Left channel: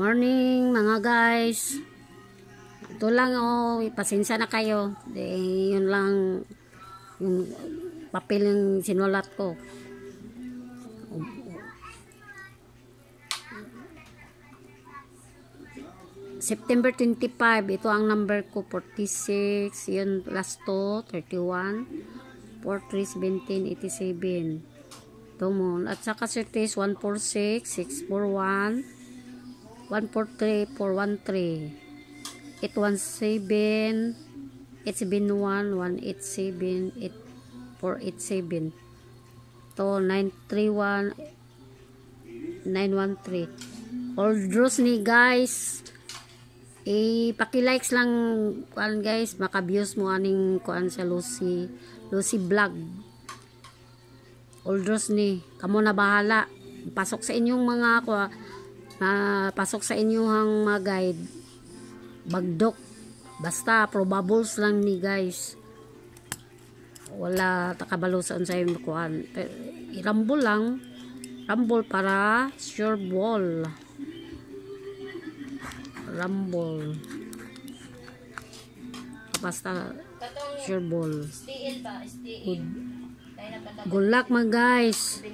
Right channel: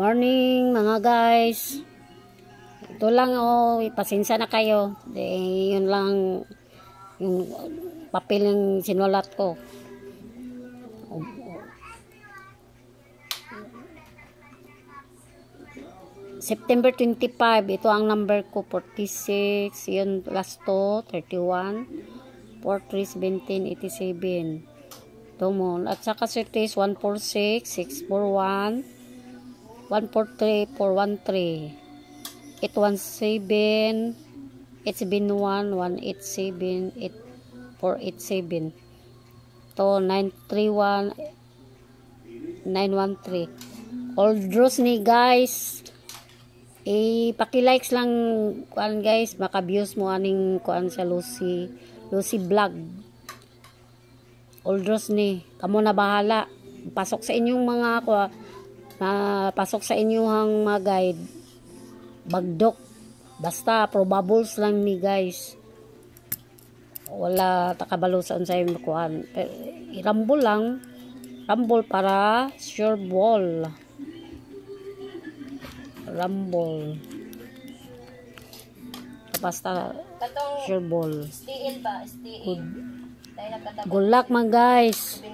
Morning mga guys. Ito lang pasensya na kayo. Yun lang yung papel yung sinulat ko. September 25, ito ang number ko, 46, yun last to, 31, 43, 17, 87. Ito mo. At saka certis 146, 641, 143, 413, 817, 871, 187, 487. Ito, 931, 913. Old Rose ni guys. Paki-likes lang kuan guys, maka-views mo aning kuan sa Lucy vlog. Old Rose ni, kamo na bahala. Pasok sa inyong mga pasok sa inyong mga guide. Bagdok. Basta probables lang ni guys. Wala takabalusan sa imong kuan. Irambol lang. Rambol para sure ball. Rumble. Basta sure ball. Steel ba? Steel. Good luck mga guys.